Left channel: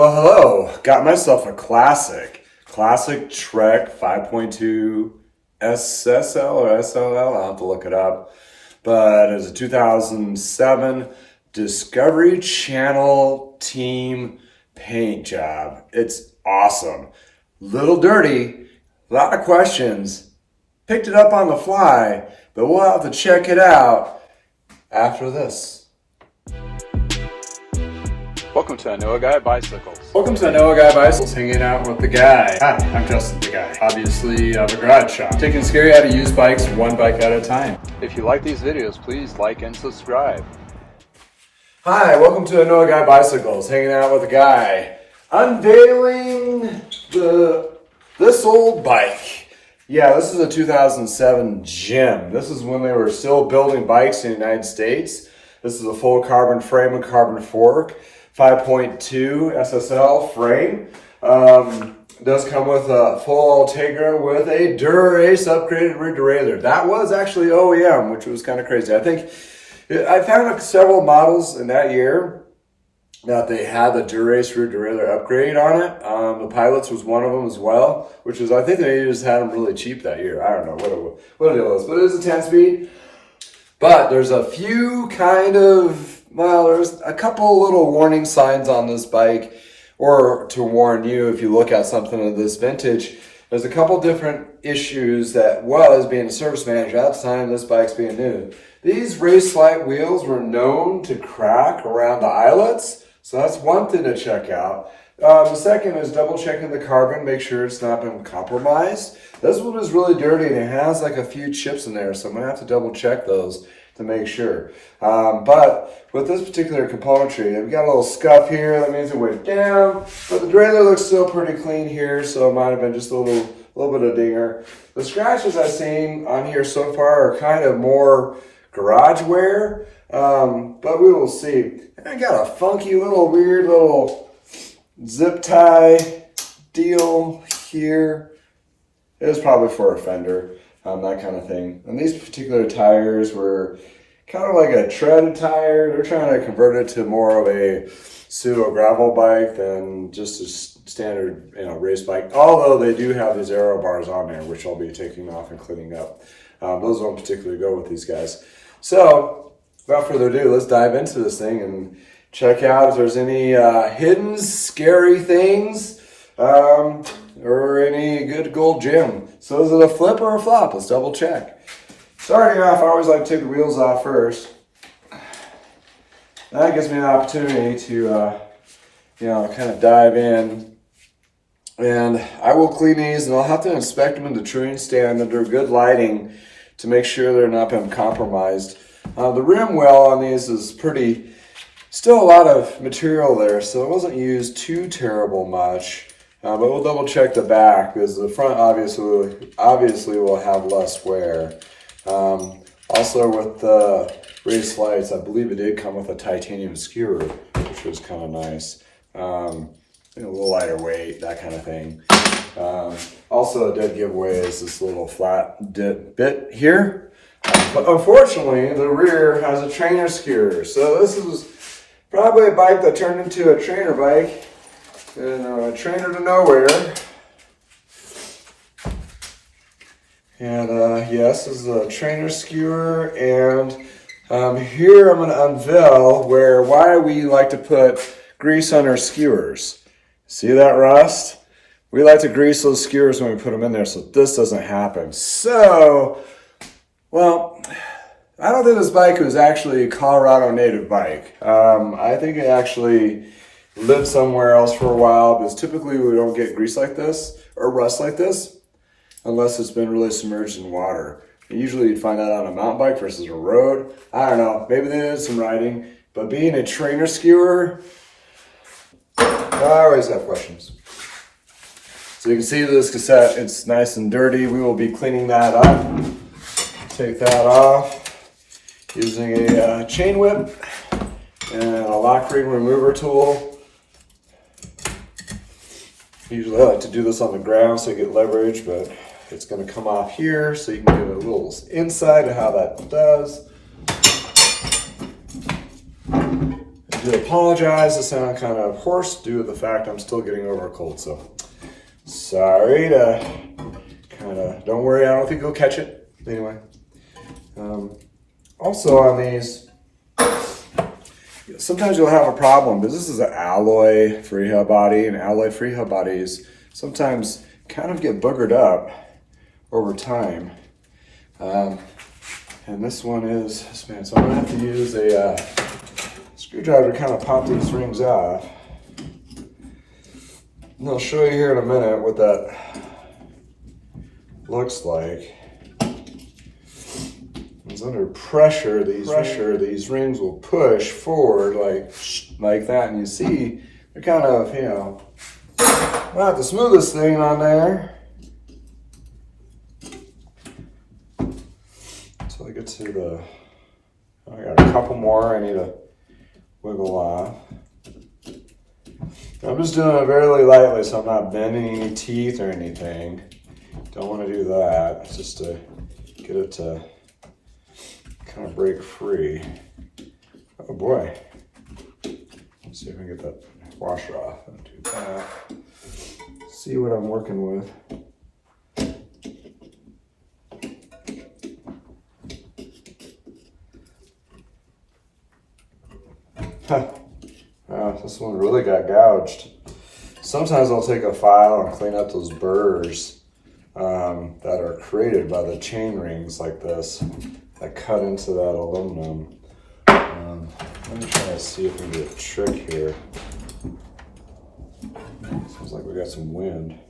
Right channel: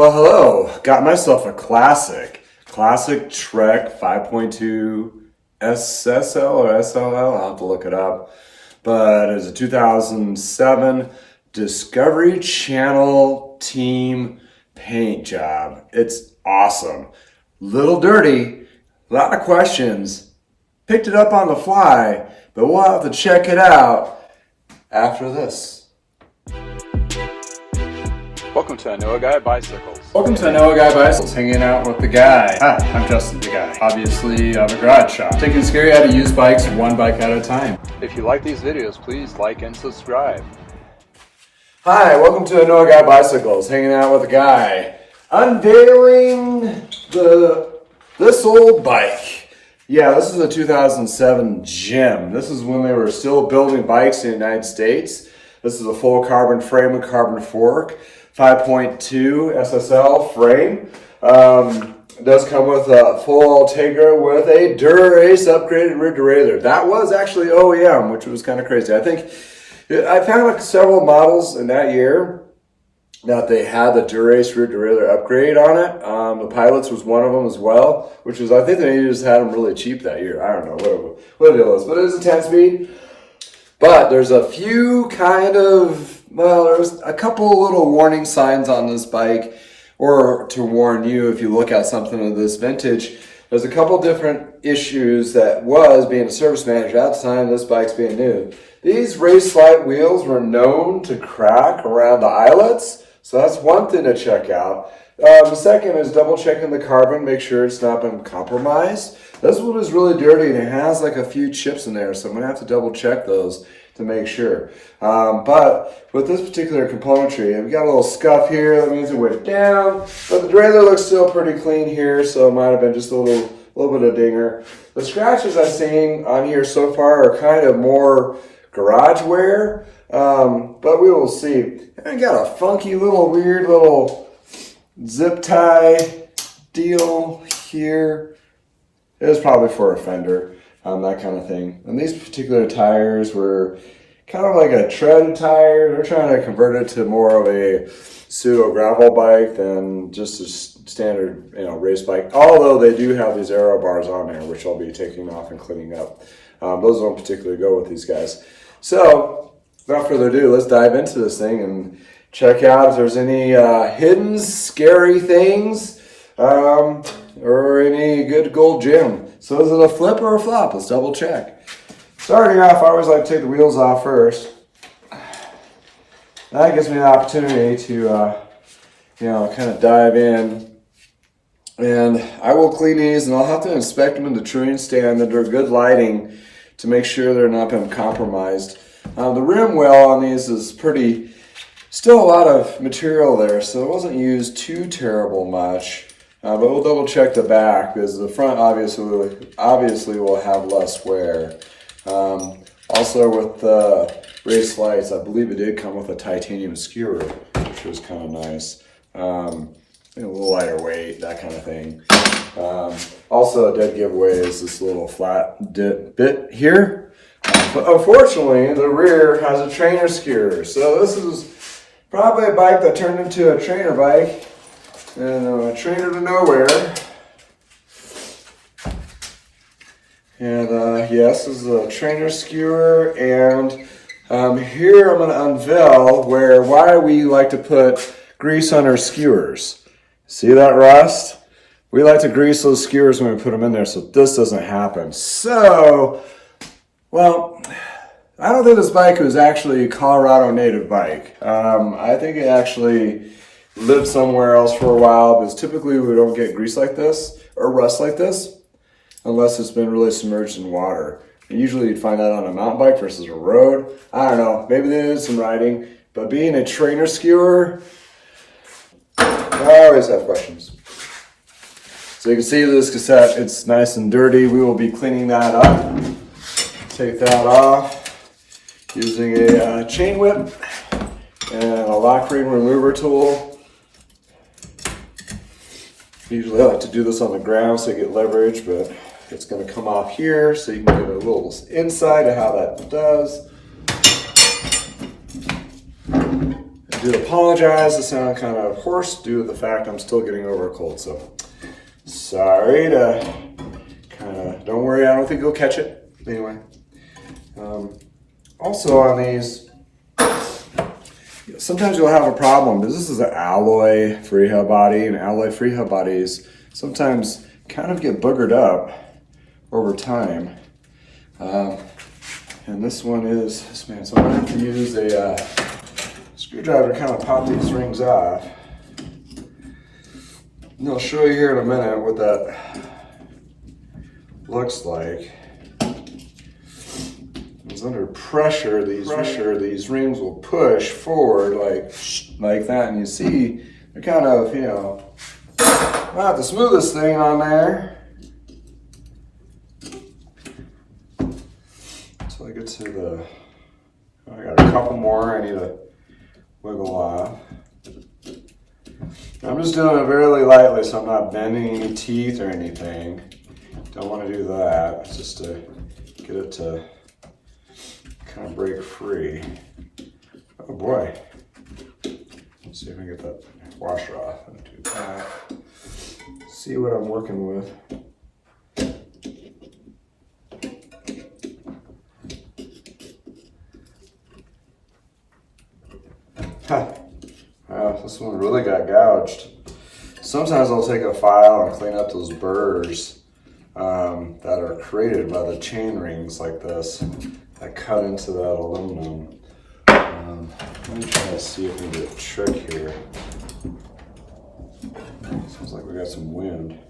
Well, hello. Got myself a classic Trek 5.2 SSL or SLL. I'll have to look it up. But it's a 2007 Discovery Channel team paint job. It's awesome. Little dirty, a lot of questions. Picked it up on the fly, but we'll have to check it out after this. Welcome to Anoa Guy Bicycles. Welcome to Anoa Guy Bicycles, hanging out with the guy. Hi, I'm Justin, the guy. Obviously, I have a garage shop. Taking scary how to use bikes one bike at a time. If you like these videos, please like and subscribe. Hi, welcome to Anoa Guy Bicycles, hanging out with the guy. Unveiling this old bike. Yeah, this is a 2007 Gym. This is when they were still building bikes in the United States. This is a full carbon frame and carbon fork. 5.2 SSL frame. It does come with a full Ultegra with a Dura-Ace upgraded rear derailleur. That was actually OEM, which was kind of crazy. I found several models in that year that they had the Dura-Ace rear derailleur upgrade on it. The Pilots was one of them as well, which was, I think they just had them really cheap that year. I don't know what it was, but it was a 10-speed. But there's a few there's a couple little warning signs on this bike, or to warn you if you look at something of this vintage. There's a couple different issues that was being a service manager at the time this bike's being new. These Race Lite wheels were known to crack around the eyelets, so that's one thing to check out. The second is double checking the carbon, make sure it's not been compromised. This one is really dirty and it has like a few chips in there, so I'm gonna have to double check those to make sure. But with this particular componentry, we got a little scuff here, that means it went down, but the derailleur looks still pretty clean here, so it might have been just a little bit of dinger. The scratches I've seen on here so far are kind of more garage wear, but we will see. And I got a funky weird little zip tie deal here. It was probably for a fender, that kind of thing. And these particular tires were kind of like a tread tire. They're trying to convert it to more of a pseudo gravel bike than just a standard, race bike. Although they do have these aero bars on there, which I'll be taking off and cleaning up. Those don't particularly go with these guys. So, without further ado, let's dive into this thing and check out if there's any hidden scary things or any good gold gem. So is it a flip or a flop? Let's double check. Starting off, I always like to take the wheels off first. That gives me an opportunity to kind of dive in. And I will clean these and I'll have to inspect them in the touring stand under good lighting to make sure they're not been compromised. The rim well on these is still a lot of material there, so it wasn't used too terrible much. But we'll double check the back because the front obviously will have less wear. Also with the Race Lites, I believe it did come with a titanium skewer, which was kind of nice. A little lighter weight, that kind of thing. Also a dead giveaway is this little flat bit here. But unfortunately, the rear has a trainer skewer. So this is probably a bike that turned into a trainer bike. And a trainer to nowhere. And yes, this is a trainer skewer. And here I'm going to unveil why we like to put grease on our skewers. See that rust? We like to grease those skewers when we put them in there so this doesn't happen. So, well, I don't think this bike was actually a Colorado native bike. I think it actually lived somewhere else for a while, because typically we don't get grease like this or rust like this unless it's been really submerged in water. And usually you'd find that on a mountain bike versus a road. I don't know, maybe they did some riding, but being a trainer skewer, I always have questions. So you can see this cassette, it's nice and dirty. We will be cleaning that up. Take that off using a chain whip and a lock ring remover tool. Usually I like to do this on the ground so you get leverage, but it's going to come off here so you can get a little insight of how that does. I do apologize to sound kind of hoarse due to the fact I'm still getting over a cold, so sorry to don't worry, I don't think you'll catch it. Anyway, also on these, sometimes you'll have a problem, because this is an alloy freehub body, and alloy freehub bodies sometimes kind of get boogered up over time. And this one is, man, so I'm gonna have to use a screwdriver to kind of pop these rings off. And I'll show you here in a minute what that looks like. It's under pressure, these rings will push forward like that, and you see they're kind of, you know, not the smoothest thing on there. So I get to the, I got a couple more I need to wiggle off. I'm just doing it very lightly, so I'm not bending any teeth or anything. Don't want to do that. It's just to get it to kind of break free. Oh boy. Let's see if I can get that washer off. Do that. See what I'm working with. This one really got gouged. Sometimes I'll take a file and clean up those burrs that are created by the chain rings like this that cut into that aluminum. Let me try to see if we can get a trick here. Seems like we got some wind.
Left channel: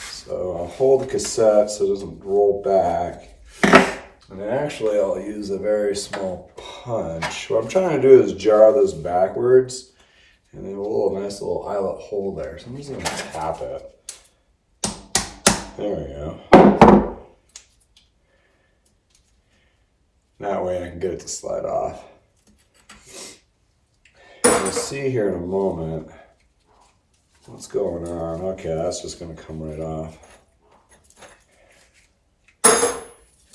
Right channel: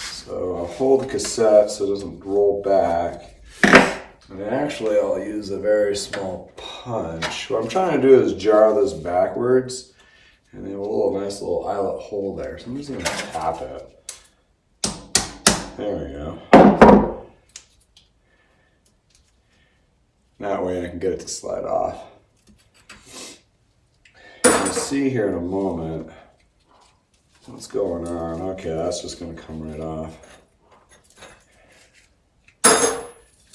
So I'll hold the cassette so it doesn't roll back. And actually I'll use a very small punch. What I'm trying to do is jar this backwards, and they have a nice little eyelet hole there. So I'm just gonna tap it. There we go. That way I can get it to slide off. You'll see here in a moment what's going on. Okay, that's just gonna come right off.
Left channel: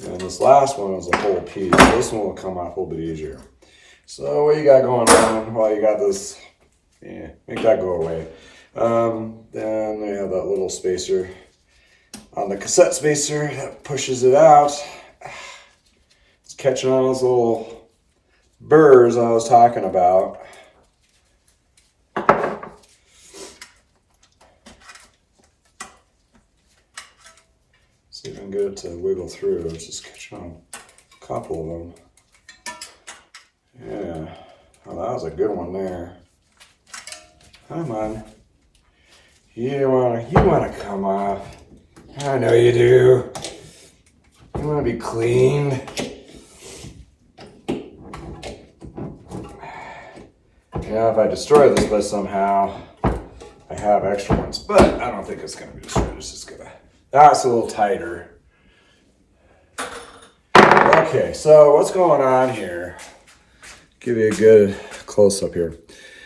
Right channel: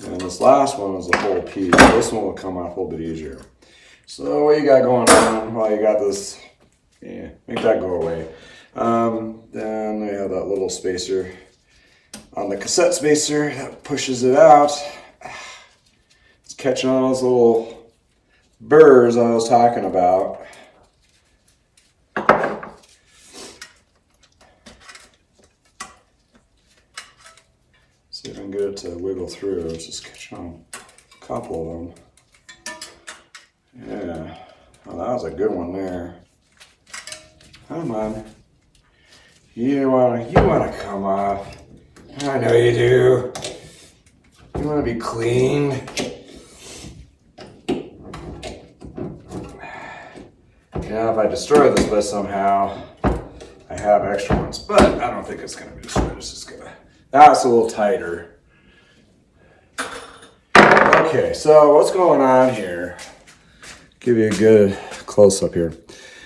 And this last one is a whole piece. This one will come off a little bit easier. So what you got going on? Well, you got this, make that go away. Then we have that little spacer on the cassette spacer that pushes it out. It's catching on those little burrs I was talking about. See if I can get it to wiggle through. It's just catching on a couple of them. Yeah, well, that was a good one there. Come on. You wanna come off. I know you do. You wanna be clean. Yeah, if I destroy this bit somehow, I have extra ones, but I don't think it's gonna be destroyed. It's just gonna, that's a little tighter. Okay, so what's going on here? Give you a good close-up here.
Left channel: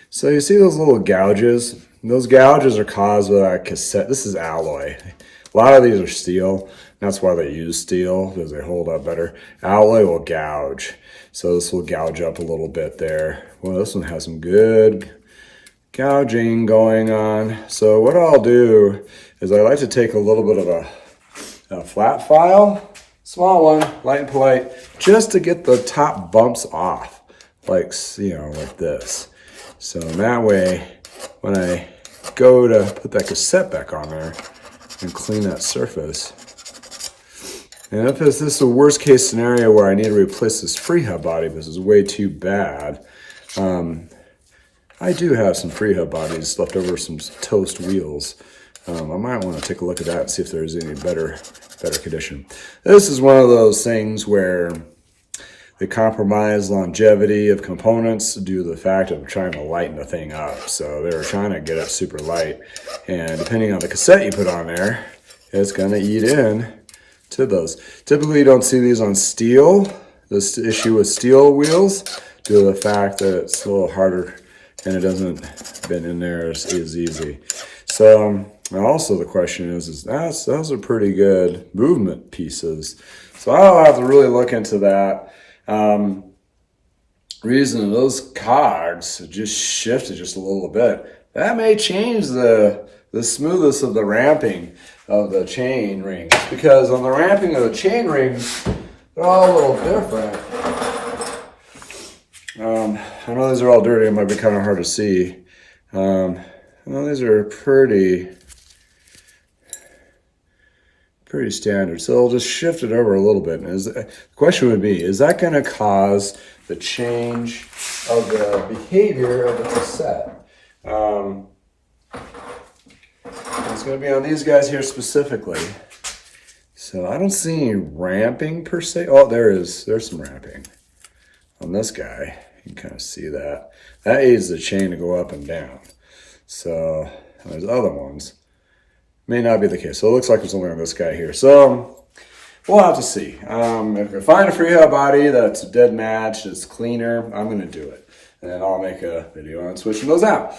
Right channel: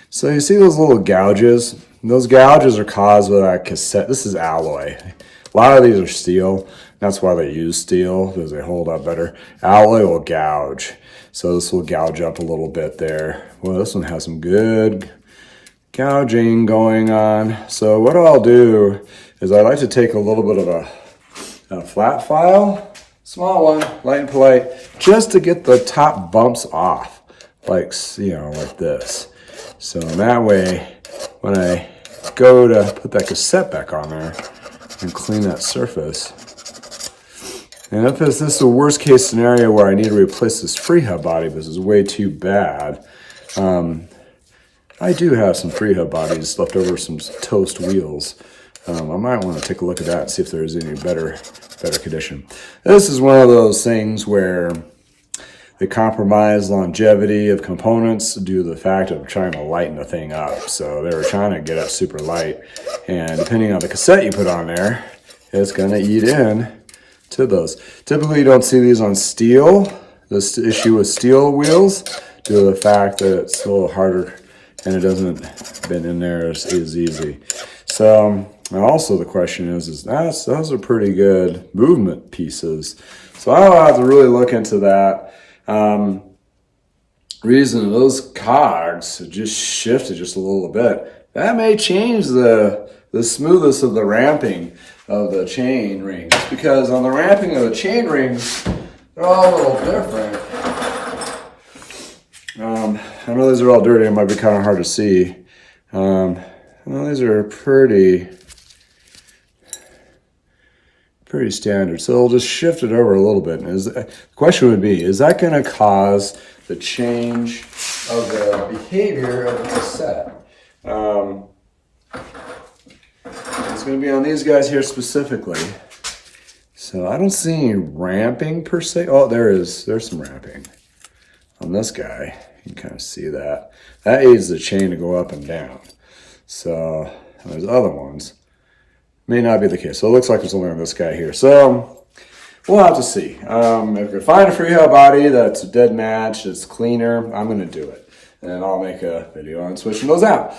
So you see those little gouges? Those gouges are caused by that cassette. This is alloy. A lot of these are steel. That's why they use steel, because they hold up better. Alloy will gouge. So this will gouge up a little bit there. Well, this one has some good gouging going on. So what I'll do is I like to take a little bit of a flat file, small one, light and polite, just to get the top bumps off. Like, you know, like this. So that way, when I go to put that cassette back on there and clean that surface, and if this is the worst case scenario where I need to replace this freehub body, this is way too bad. I do have some freehub bodies left over, some toast wheels. I might want to take a look at that and see if there's any better condition. This is one of those things where they compromise longevity of components due to the fact of trying to lighten the thing up. So they were trying to get it super light. And depending on the cassette you put on there, it's going to eat in to those. Typically you don't see these on steel. This issue with steel wheels due to the fact that it's a little harder and it doesn't bend in there as easy. So also the question is those are pretty good movement pieces. So I'll have to really look into that. reason those cogs just shifted just a little bit. That may change the smoothness of the ramping of the chain rings, because on the ramping of the chain rings, they're all a little different. I know these are all dirty. It might be kind of hard to see. I know these are pretty standard. So I'll just shift it over a little bit. And the question would be, is that going to cause the change of the behavior of the cassette? It's going to be on these guys here specifically. So I don't see any ramping per se. Oh, there's some ramping on this guy. You can kind of see that. That aids the chain to go up and down. So there's other ones. May not be the case. So it looks like it's only on this guy here. So we'll have to see. If we find a freeheld body that's a dead match, it's cleaner, I'm going to do it. And I'll make a video on switching those out.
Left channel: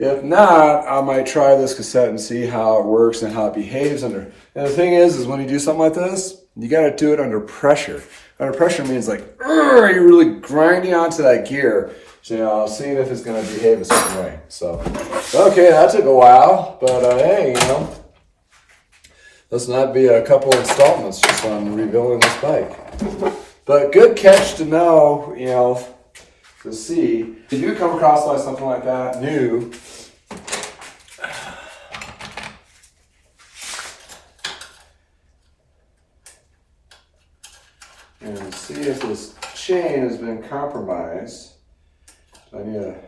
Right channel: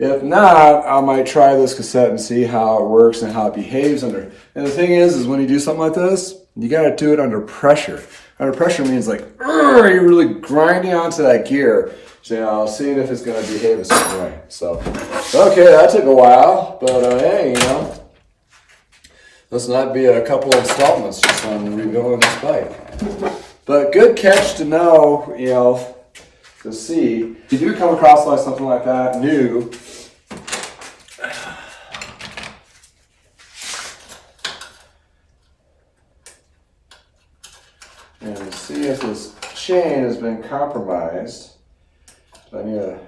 If not, I might try this cassette and see how it works and how it behaves under. And the thing is when you do something like this, you got to do it under pressure. Under pressure means like, you're really grinding onto that gear. So seeing if it's going to behave a certain way. So, okay, that took a while, but hey, let's not be a couple installments just on rebuilding this bike. But good catch to know, to see. If you do come across like something like that, new, and see if this chain has been compromised. I need to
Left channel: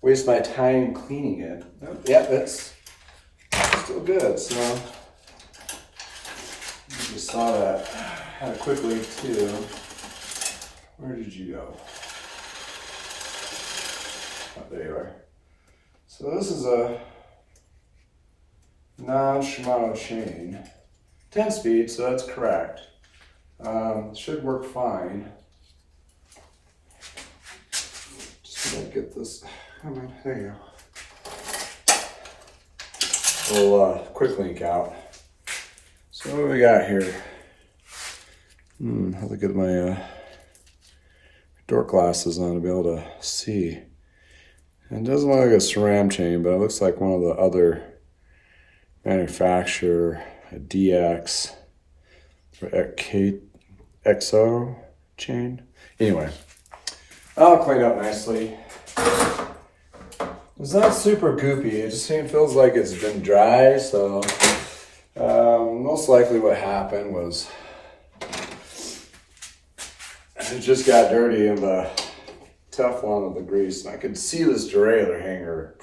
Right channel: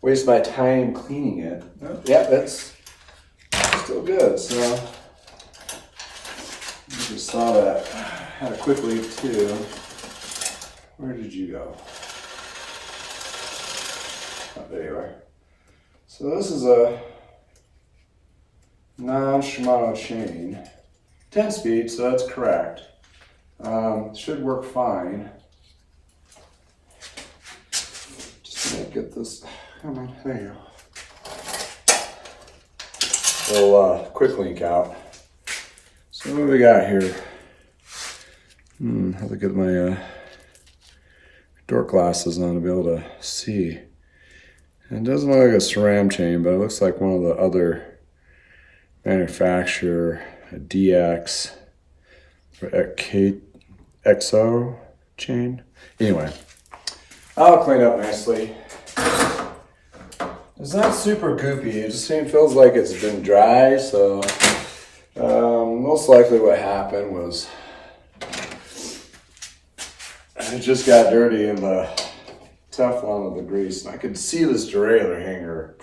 waste my time cleaning it. Oh, yeah, it's still good. So I just saw that. Had a quick leak too. Where did you go? Oh, there you are. So this is a non-Shimano chain. 10 speed, so that's correct. Should work fine. Get this. Come on, there you go. Little quick link out. So what do we got here? Have to get my dork glasses on to be able to see. And it doesn't look like a SRAM chain, but it looks like one of the other manufacturer, a DX or XO chain. Anyway. I'll clean up nicely. It's not super goopy. It just feels like it's been dry. So most likely what happened was it just got dirty in the Teflon of the grease. And I could see this derailleur hanger.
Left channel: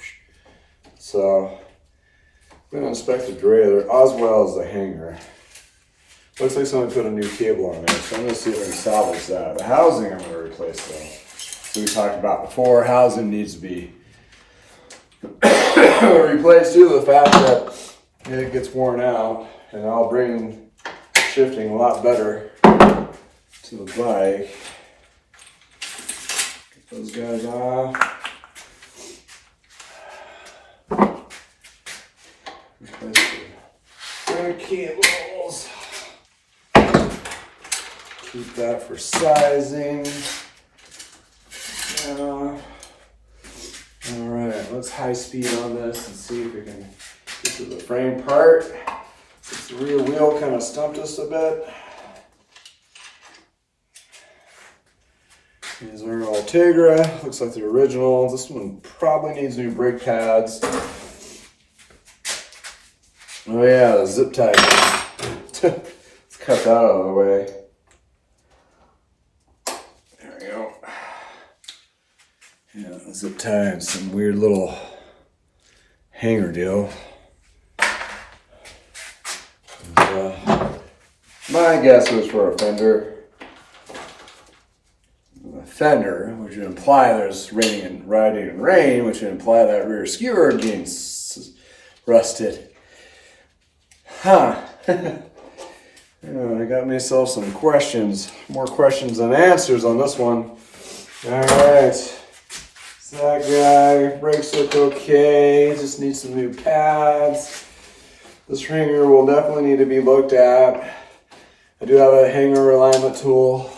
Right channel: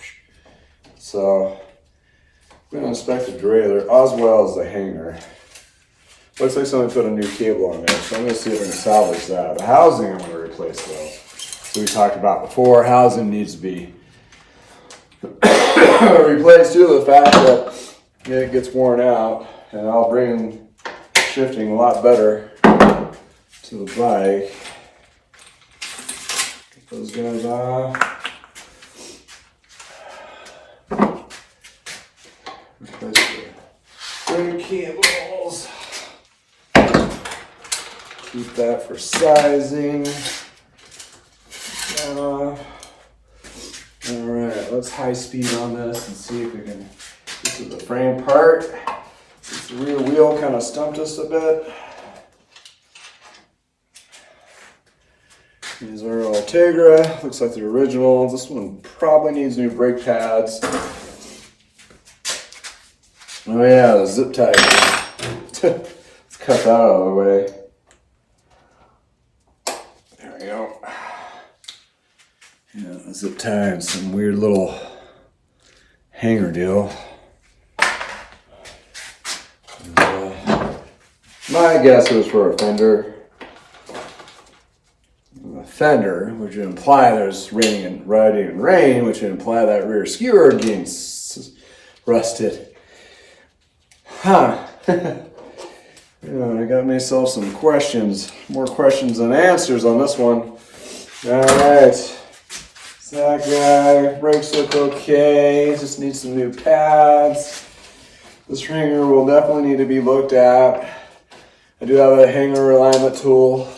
So I'm going to inspect the derailleur as well as the hanger. Looks like somebody put a new cable on there. So I'm going to see if I can salvage that. The housing I'm going to replace though. We talked about before, housing needs to be replaced due to the fact that it gets worn out, and I'll bring shifting a lot better to the bike. Get those guys off. Replace the cables. Keep that for sizing. All right, let's high speed on this and see if we can get to the frame part. This rear wheel kind of stumped us a bit. These are Ultegra, looks like the originals. This one probably needs new brake pads. Oh yeah, the zip tie. Let's cut that out of the way. There we go. Yeah, zip tie and some weird little hanger deal. My guess was for a fender. A fender, which would imply there's riding in rain, which would imply that rear skewer getting rusted. Huh. I got myself some questions, more questions than answers on this one. All right. That guy, brakes look okay, just needs some new pads. This hanger will definitely need to be looked at. I do have a hanger alignment tool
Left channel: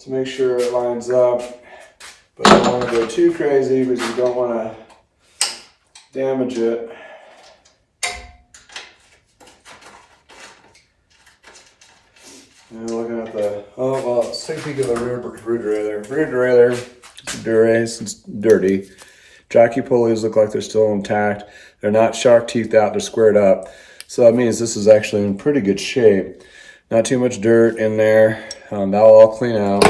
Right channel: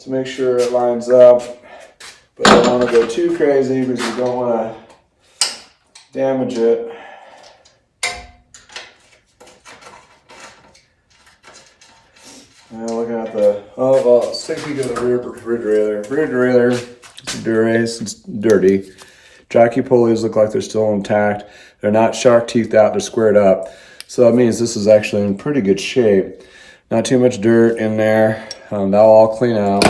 to to make sure it lines up. But I don't want to go too crazy because you don't want to damage it. Now looking at the, let's take a peek at the rear derailleur. Rear derailleur, Dura-Ace, it's dirty. Jockey pulleys look like they're still intact. They're not shark teethed out, they're squared up. So that means this is actually in pretty good shape. Not too much dirt in there. That'll all clean out.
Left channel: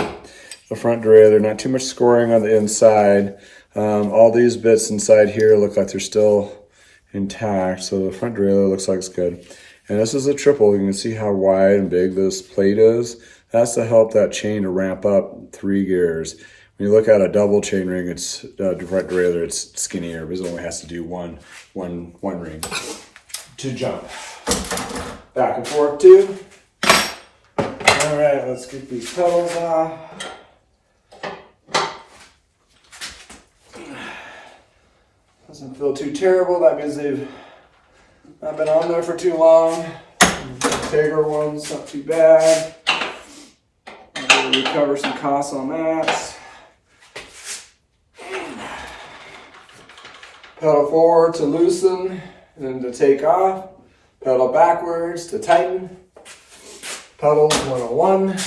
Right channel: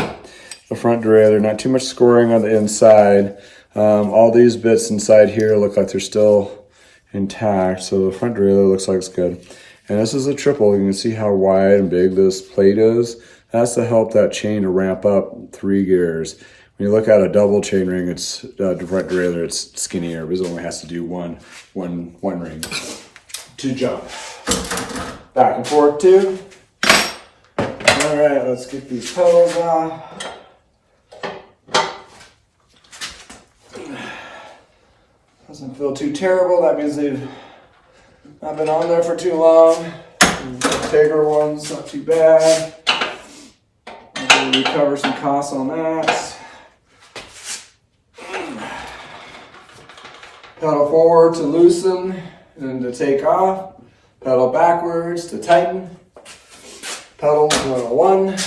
The front derailleur, not too much scoring on the inside. All these bits inside here look like they're still intact. So the front derailleur looks like it's good. And this is a triple. You can see how wide and big this plate is. That's to help that chain to ramp up 3 gears. When you look at a double chain ring, it's front derailleur, it's skinnier because it only has to do one ring to jump. Back and forth too. All right, let's get these pedals off. Doesn't feel too terrible. That means they've not been on there for too long. The Ultegra one's not too bad. I'll recover some costs on that. Pedal forward to loosen and to take off. Pedal backwards to tighten. Pedals 101.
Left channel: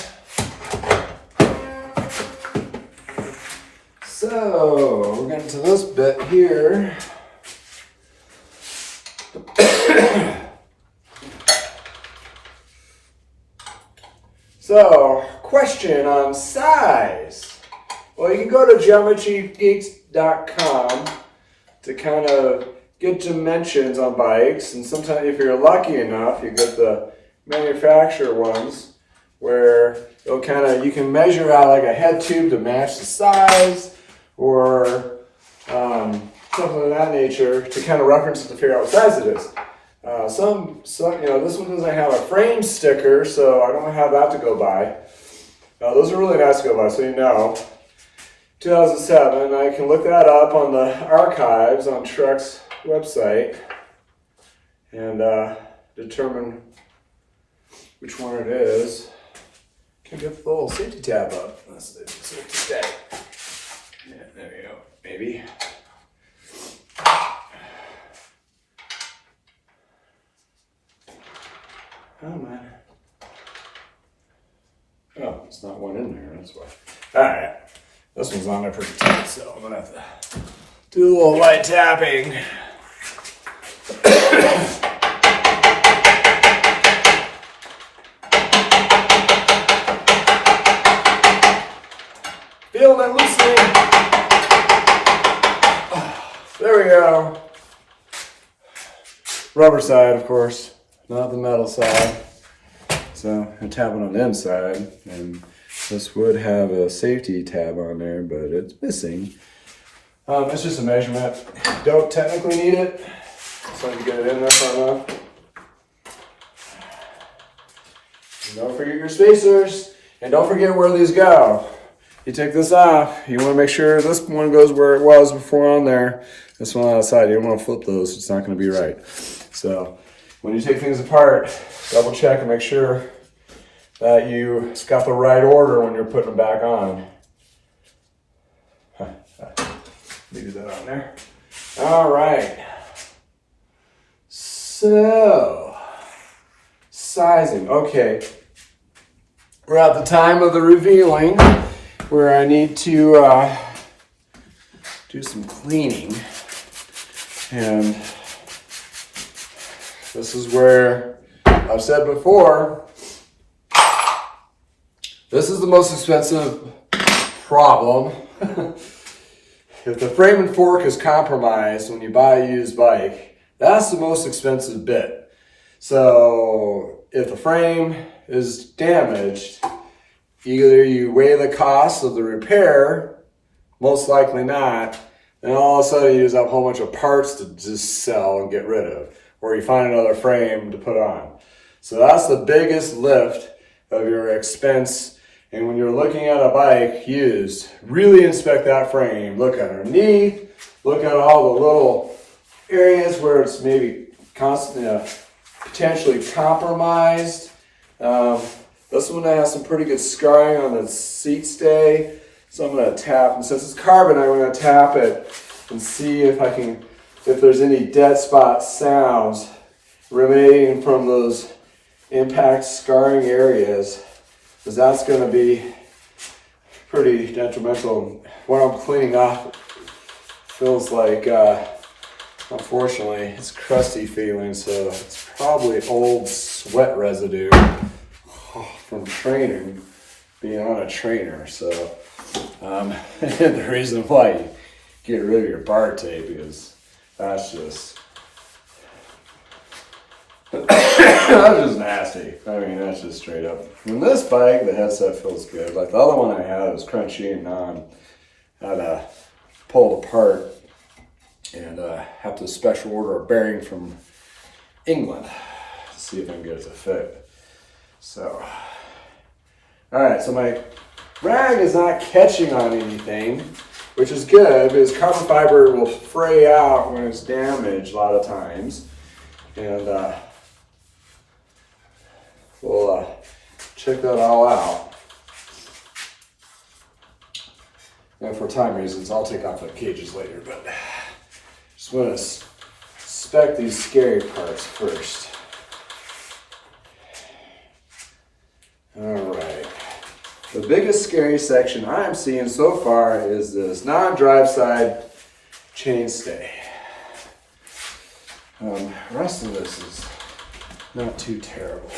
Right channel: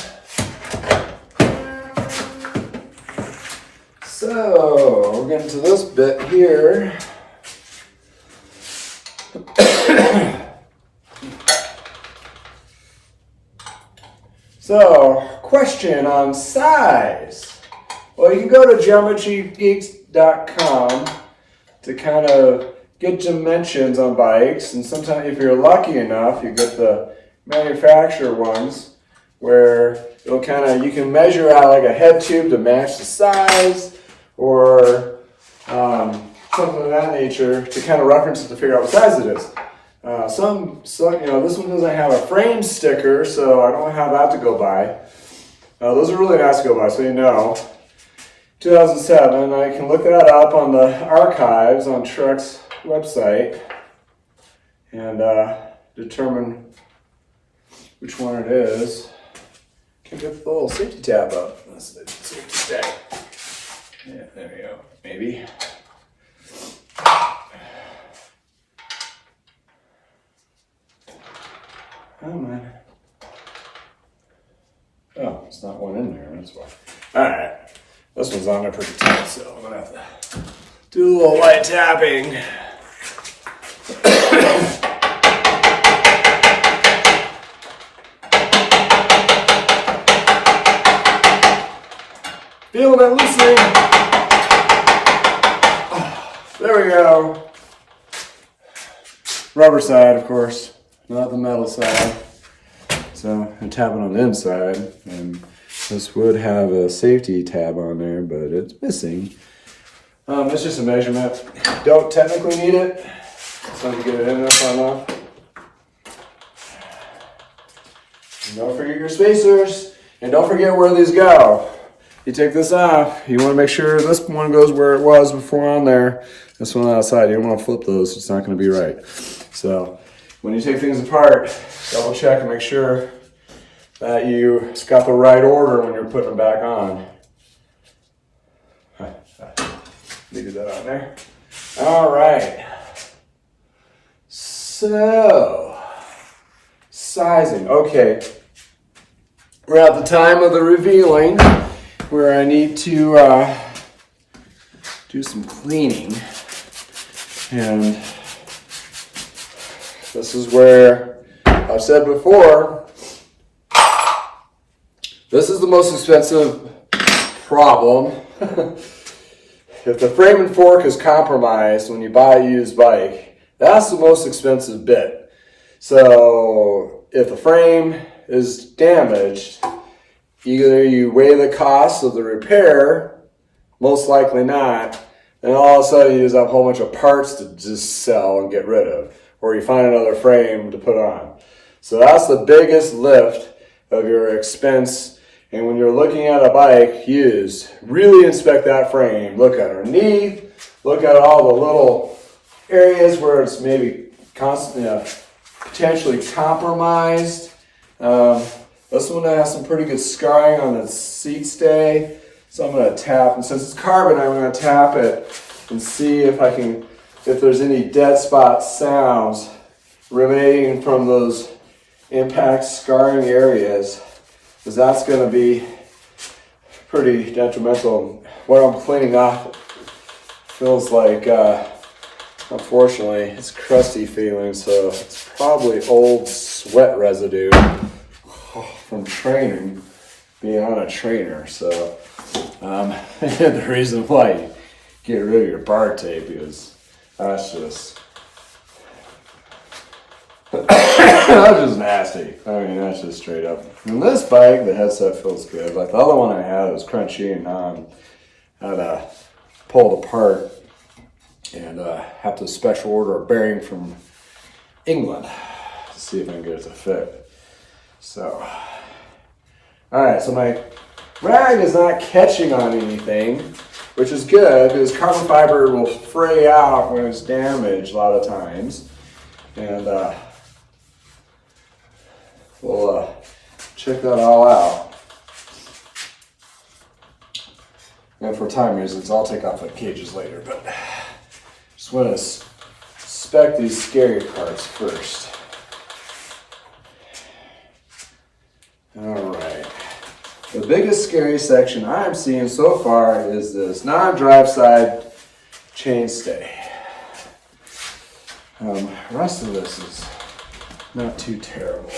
So we're getting to this bit here. So, question on size. Well, you can go to geometrygeeks.com to kind of get dimensions on bikes, and sometimes if you're lucky enough, you get the manufacturer ones where you can measure out like a head tube to match the size, or something of that nature to kind of reference it to figure out what size it is. Some, this one doesn't have a frame sticker, so I don't have that to go by. Those are really nice to go by, so you know. 2007, I can look that up on the archives on Trek's website and determine which one it is. Can get the little safety tab up. That's the safety tag. Yeah, there you go. Maybe. Oh man. Oh, it's not one in there, that's why. Alright. This one's on there pretty tight, so I'm gonna have to do a little light tapping. Feeling that loosening. Oh, there we go. Rubber side, of course, not the metal side. So I'm tapping on the inside, and this would have a safety tab on there, but it's missing. It's just a measurement. Don't technically need it, so you get it in there far enough. And don't forget your spacers, and don't forget where these go. You take this off, you want to make sure this one goes where it was before on there. This one outside, you don't want to flip those, it's not going to be right. So when you take things apart, double check and make sure that you got the right order when you're putting them back on. Leave that on there. All right. So, sizing. Okay. We're at the time of the revealing where I need to do some cleaning. And this is where I've said before, this is the most expensive problem. If the frame and fork is compromised when you buy a used bike, that's the most expensive bit. So if the frame is damaged, either you weigh the cost of the repair, most likely not, and all of a sudden you use up a whole bunch of parts to just sell and get rid of, or you find another frame to put on. So that's the biggest lift of your expense. And when you're looking at a bike used, really inspect that frame. Look underneath, look at all the little areas where it's maybe potentially compromised. And This one has some pretty good scarring on the seat stay. So I'm going to tap, and since it's carbon, I'm going to tap it and see if there's any dead spot sounds remaining from those impact scarring areas, because that's going to be pretty detrimental. What I'm cleaning off feels like, unfortunately, it's crusty feeling, so it's probably old sweat residue from training, being on a trainer. So the reason why you get rid of your bar tape, because that's just that's just nasty. I mean, that's just straight up. And this bike, the headset feels good. Like the other one I had, it was crunchy and I had to pull it apart and have to special order a bearing from England to see if I can get it to fit. So, all right, so my rag is not catching on anything, which is good because carbon fiber will fray out when it's damaged a lot of times. And we'll check that all out. And for time reasons, I'll take off the cages later, but just want to inspect these scary parts first. All right. The biggest scary section I'm seeing so far is this non-drive side chainstay. The rest of this is not too terrible.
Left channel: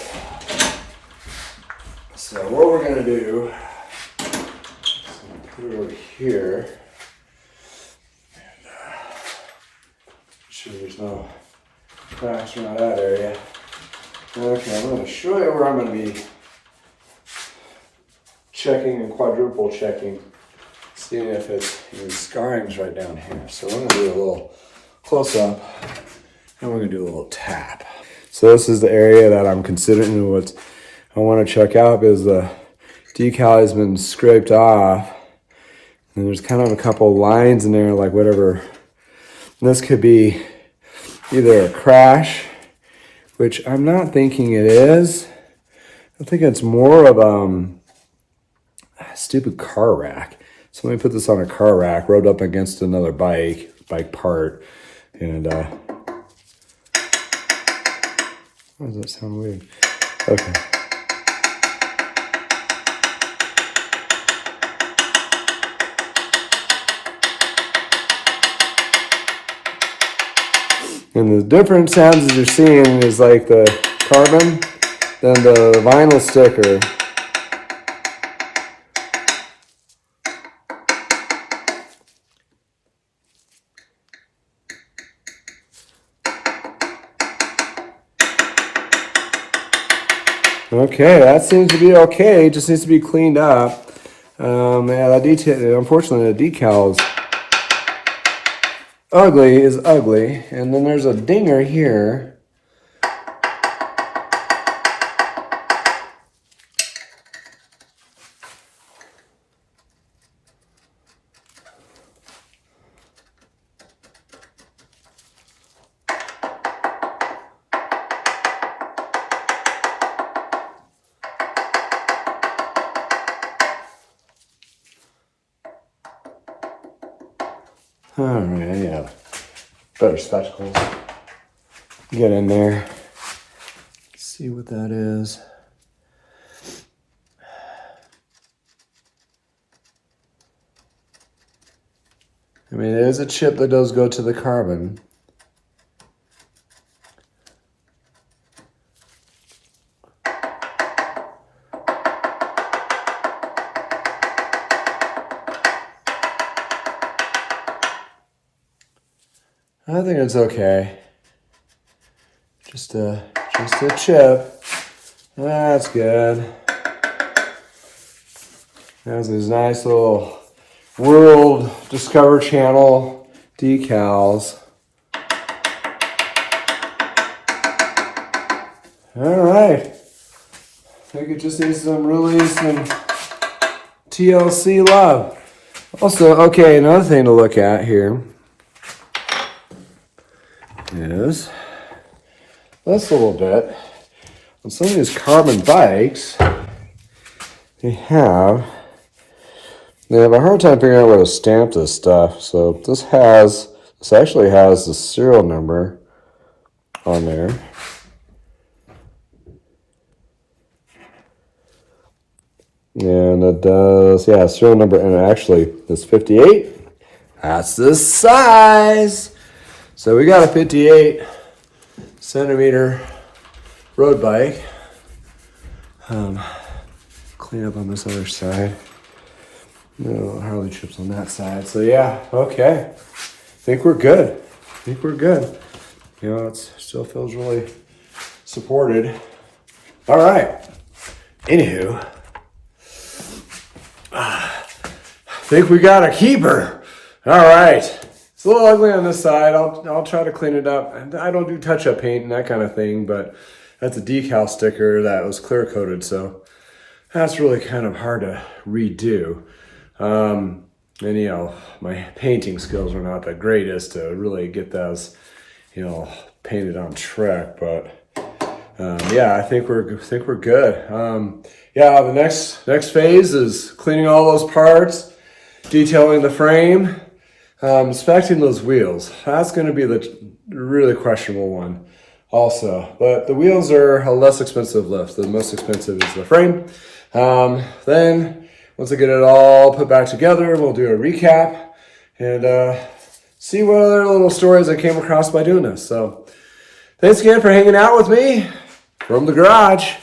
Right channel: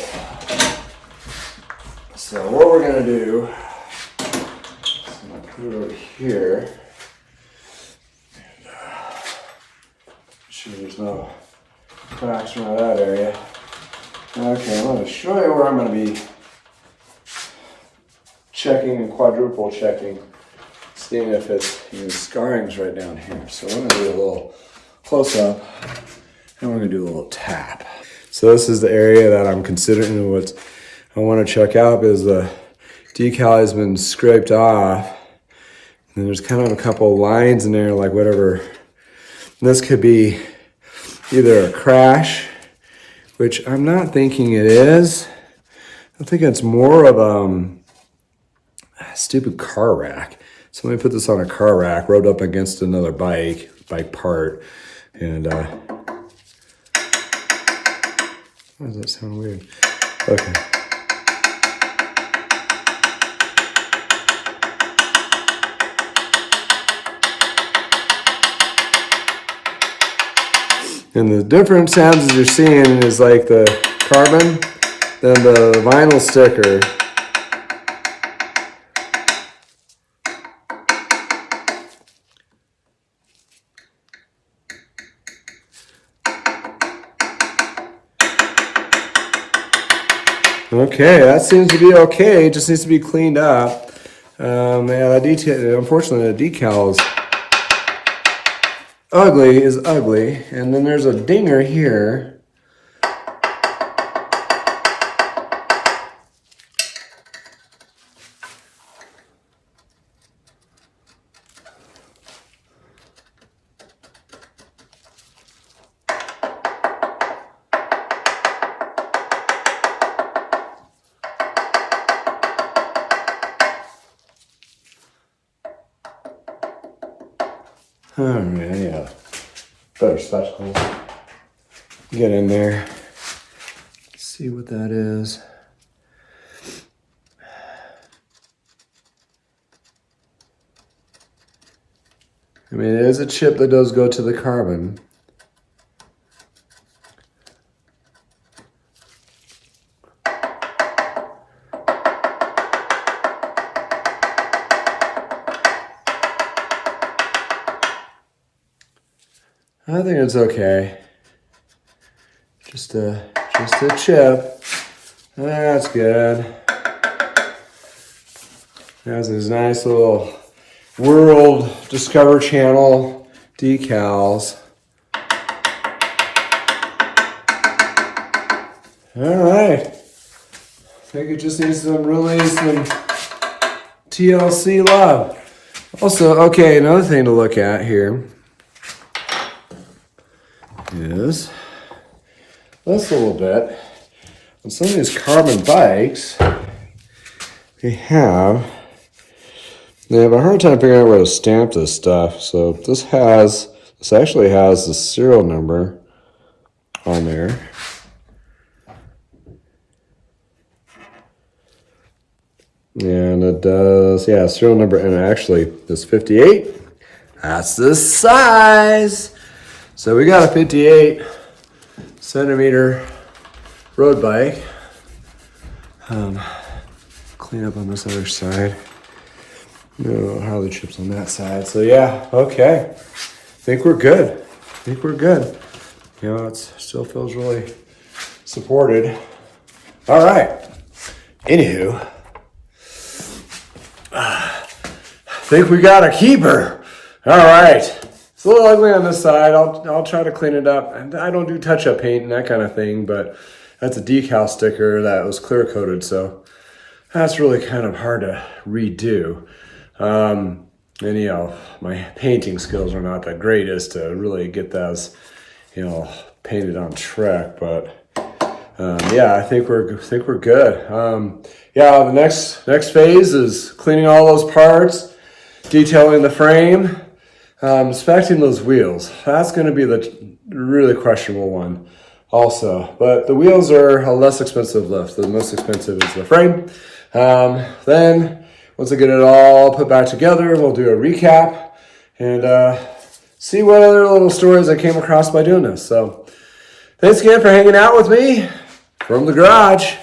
So what we're going to do is I'm going to put it over here. And, make sure there's no cracks around that area. Okay, I'm going to show you where I'm going to be checking and quadruple checking, seeing if it's scarring's right down here. So we're going to do a little close up and we're going to do a little tap. So this is the area that I'm considering what I want to check out, because the decal has been scraped off and there's kind of a couple lines in there, like whatever. And this could be either a crash, which I'm not thinking it is. I think it's more of a stupid car rack. So let me put this on a car rack, rubbed up against another bike part, and why does that sound weird? Okay. And the different sounds that you're seeing is like the carbon, then the vinyl sticker. Okay, that seems to be okay. It just needs to be cleaned up. Yeah, that detail, unfortunately, the decal is ugly. And then there's a dinger here. Oh man, yeah. Better spectacles. Get in there. See what that is. I mean, it is a chip that does go to the carbon. I think it's okay. Just a chip. That's good. Has these nice little World Discover Channel decals. All right. I think it just needs some TLC love. Also, okay, another thing to look at here is this a little bit. On some of these carbon bikes, they have a hard time figuring out where to stamp this stuff. So this actually has the serial number on there. And it does, yeah, serial number, and actually this 58, that's the size. So we got a 58 centimeter road bike. Clean up on this other side. No Harley chips on that side. So yeah, okay. I think we're good. You know, it still feels really supported. All right. Anywho, I think we got a keeper. All right. It's a little ugly on this side. I'll try to clean it up. I don't do touch-up paint and that kind of thing, but that's a decal sticker that was clear coated, so that's really kind of hard to redo. And you know, my painting skills are not the greatest to really get those, you know, painted on track. But yeah, I think we're good. Yeah, the next phase is cleaning all those parts, detailing the frame, inspecting those wheels. That's going to be the really questionable one also. But the wheels are a less expensive lift. The most expensive is the frame. Then once I get it all put back together, we'll do a recap and see what other little stories I came across by doing this. So thanks again for hanging out with me from the garage.